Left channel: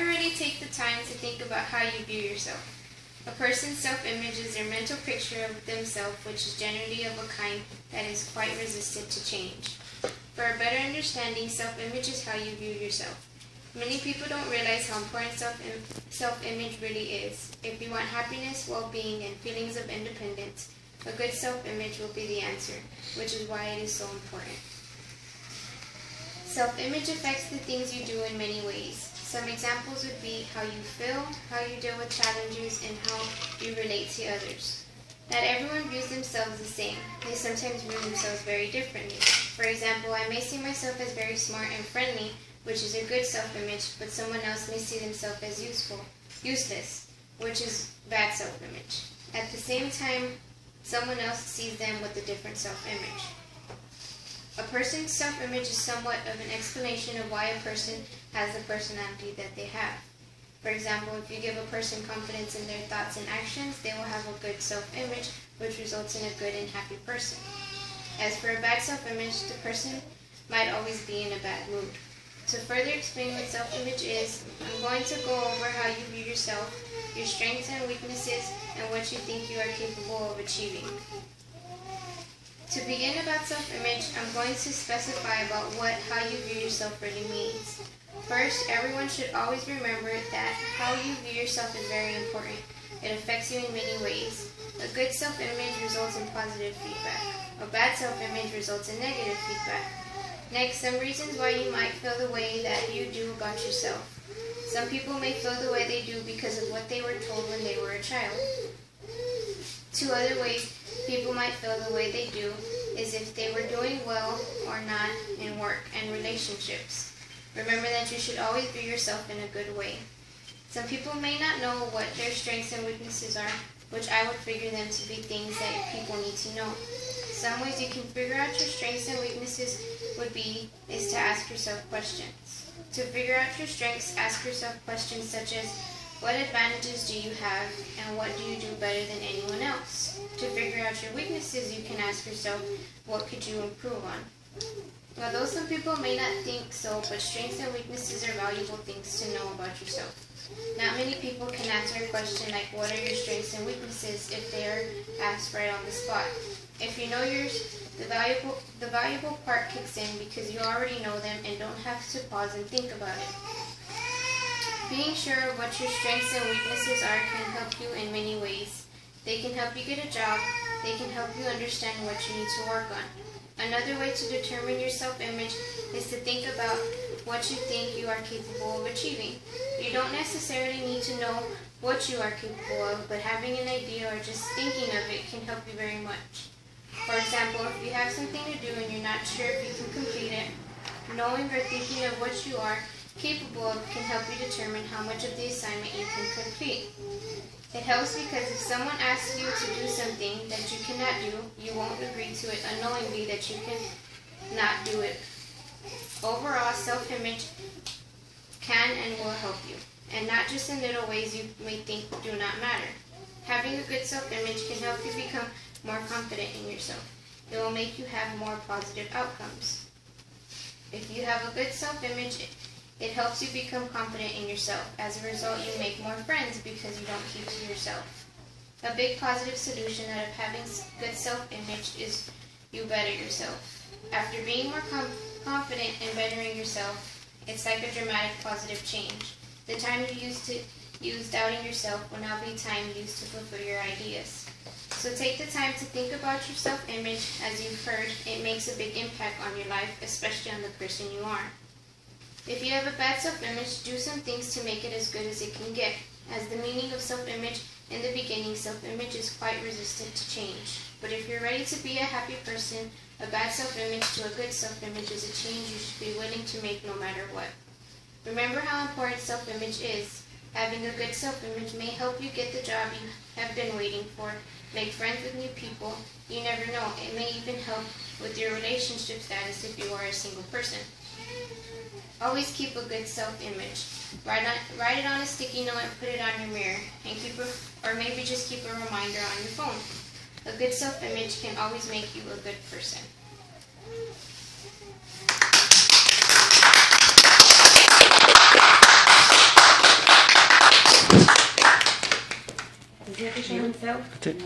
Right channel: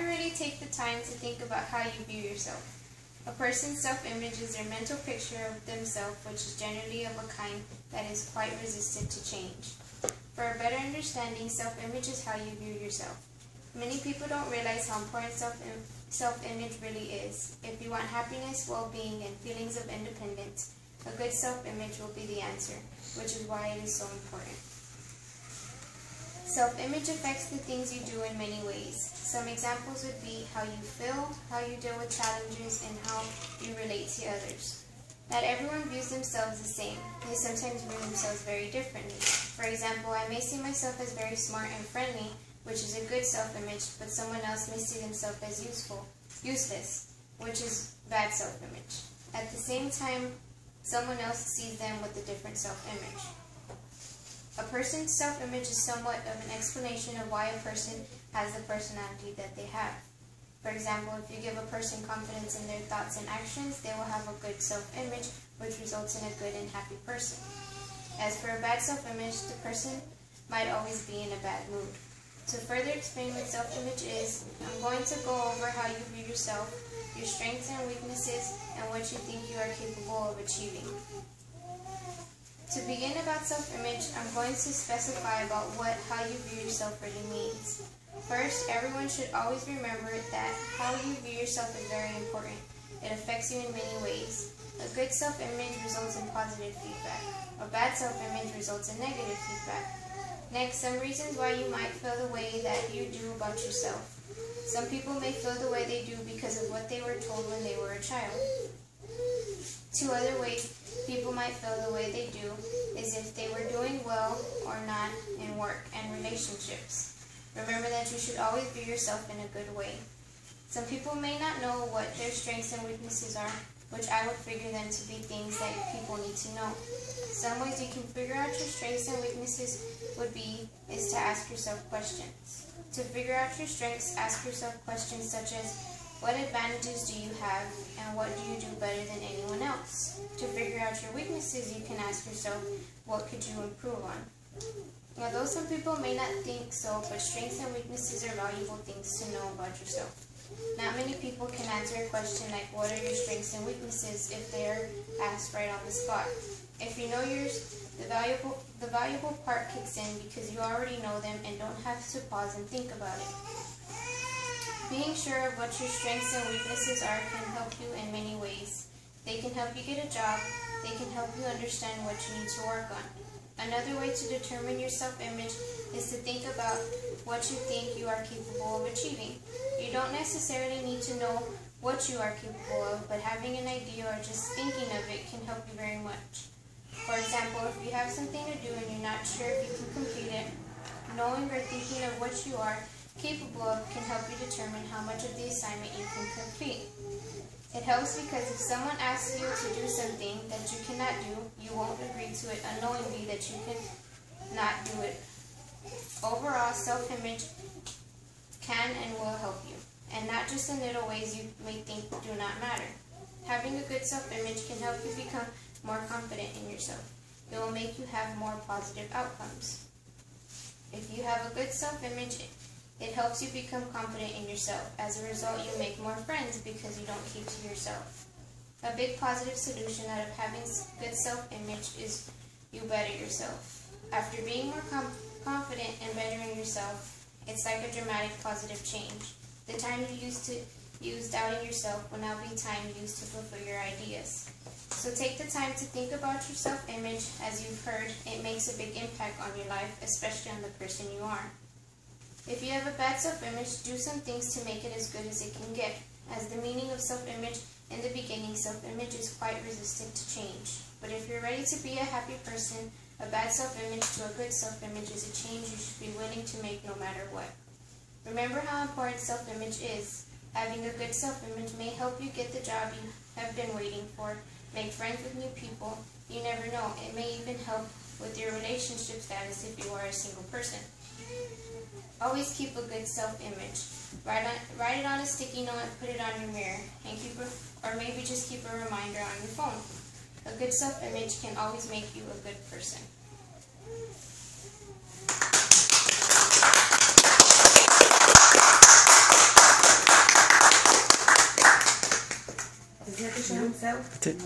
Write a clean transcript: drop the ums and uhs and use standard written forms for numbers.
you ready, take the time to think about how you view yourself. A person's self-image is their mental picture of themselves, which is generally of a kind that is quite resistant to change. For a better understanding, self-image is how you view yourself. Many people don't realize how important self-image really is. If you want happiness, well-being, and feelings of independence, a good self-image will be the answer, which is why it is so important. Self-image affects the things you do in many ways. Some examples would be how you feel, how you deal with challenges, and how you relate to others. Not everyone views themselves the same. They sometimes view themselves very differently. For example, I may see myself as very smart and friendly, which is a good self-image, but someone else may see themselves as useless, which is bad self-image. At the same time, someone else sees them with a different self-image. A person's self-image is somewhat of an explanation of why a person has the personality that they have. For example, if you give a person confidence in their thoughts and actions, they will have a good self-image, which results in a good and happy person. As for a bad self-image, the person might always be in a bad mood. To further explain what self-image is, I'm going to go over how you view yourself, your strengths and weaknesses, and what you think you are capable of achieving. To begin about self-image, I'm going to specify about how you view yourself really means. First, everyone should always remember that how you view yourself is very important. It affects you in many ways. A good self-image results in positive feedback. A bad self-image results in negative feedback. Next, some reasons why you might feel the way that you do about yourself. Some people may feel the way they do because of what they were told when they were a child. Two other ways people might feel the way they do is if they were doing well or not in work and relationships. Remember that you should always view yourself in a good way. Some people may not know what their strengths and weaknesses are, which I would figure them to be things that people need to know. Some ways you can figure out your strengths and weaknesses is to ask yourself questions. To figure out your strengths, ask yourself questions such as, what advantages do you have, and what do you do better than anyone else? To figure out your weaknesses, you can ask yourself, what could you improve on? Although some people may not think so, but strengths and weaknesses are valuable things to know about yourself. Not many people can answer a question like, what are your strengths and weaknesses, if they are asked right on the spot. If you know yours, the valuable part kicks in because you already know them and don't have to pause and think about it. Being sure of what your strengths and weaknesses are can help you in many ways. They can help you get a job. They can help you understand what you need to work on. Another way to determine your self-image is to think about what you think you are capable of achieving. You don't necessarily need to know what you are capable of, but having an idea or just thinking of it can help you very much. For example, if you have something to do and you're not sure if you can complete it, knowing or thinking of what you are capable of can help you determine how much of the assignment you can complete. It helps because if someone asks you to do something that you cannot do, you won't agree to it unknowingly that you cannot do it. Overall, self-image can and will help you, and not just in little ways you may think do not matter. Having a good self-image can help you become more confident in yourself. It will make you have more positive outcomes. If you have a good self-image, it helps you become confident in yourself. As a result, you make more friends because you don't keep to yourself. A big positive solution out of having good self-image is you better yourself. After being more confident and bettering yourself, it's like a dramatic positive change. The time you used to use doubting yourself will now be time used to fulfill your ideas. So take the time to think about your self-image. As you've heard, it makes a big impact on your life, especially on the person you are. If you have a bad self-image, do some things to make it as good as it can get. As the meaning of self-image, in the beginning, self-image is quite resistant to change. But if you're ready to be a happy person, a bad self-image to a good self-image is a change you should be willing to make no matter what. Remember how important self-image is. Having a good self-image may help you get the job you have been waiting for, make friends with new people. You never know, it may even help with your relationship status if you are a single person. Always keep a good self-image. Write it on a sticky note and put it on your mirror, and or maybe just keep a reminder on your phone. A good self-image can always make you a good person. That's it.